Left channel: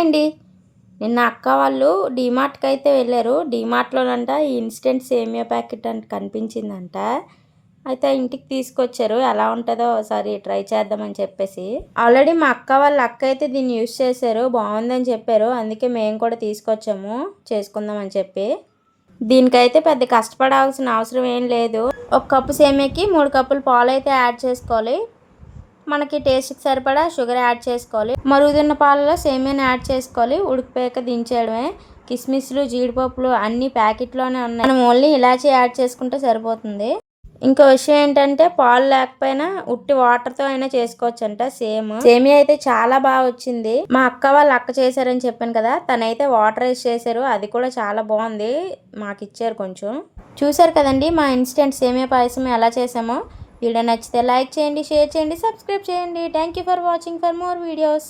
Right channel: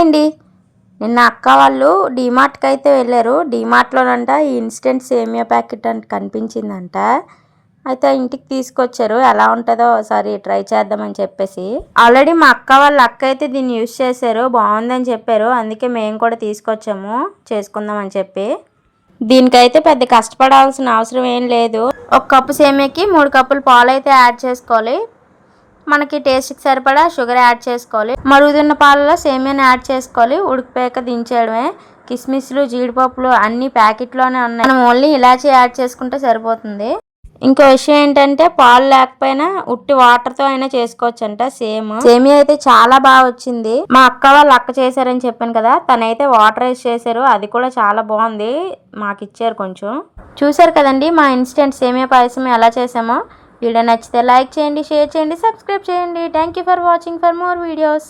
Hi అండి. నిన్న అక్క వాళ్ళు డీమార్ట్కి అయితే వెళ్ళారు. డీమార్ట్లోనంట ఈ ఇన్స్టెంట్ సేమియా ప్యాకెట్ అంటే కనిపించిందంట. అయితే ఇంటికి తీసుకొచ్చారు. ఎలా ఉంటుందో ఒకసారి ట్రై చేద్దామని చెప్పేసి. ఆల్రెడీ మా అక్క వాళ్ళ అక్క అయితే దీన్ని యూజ్ చేశారు, బాగుందని చెప్పారు. అందుకే మేము కూడా తీసుకొచ్చాము చేసుకుందామని చెప్పి. దీనికైతే పెద్ద కష్టపడాల్సిన అవసరం ఏం లేదు. ఒక కప్పు సేమియాకి 3 కప్పులు పాలు అయితే యాడ్ చేసుకోవాలి. మనకి టేస్ట్కి సరిపడా షుగర్ యాడ్ చేసుకోవాలి. మరుగుతున్న పాలలో సేమియాని యాడ్ చేసుకోవాలి. ఉడికిపోయాక దించేయడమే. కిస్మిస్లు జీడిపప్పులు అన్ని ప్యాకెట్లోనే ఉన్నాయి. మనం ఓన్లీ ఇలాచీ యాడ్ చేసుకుంటే సరిపోతుంది. ఇంకో విషయం ఏంటంటే పాలు లేకపోయినా ఉట్టి వాటర్తో అయినా చేసుకోవచ్చు అంట. సేమియా అయితే చాలా బాగా వచ్చింది. మా అక్క వాళ్ళు అక్క చేశారని చెప్పాను కదా, తనైతే వాటర్ వేసి చేశారు. అది కూడా చాలా బాగుంది. మాకు ఇచ్చారు కొంచెం. చూసారు కదండి మా ఇన్స్టెంట్ సేమియా పాయసం ఎలా చేసామో. వీడియో నచ్చితే లైక్ చేయండి, షేర్ చేయండి, సబ్స్క్రైబ్ చేయండి. Thank you for watching for more videos.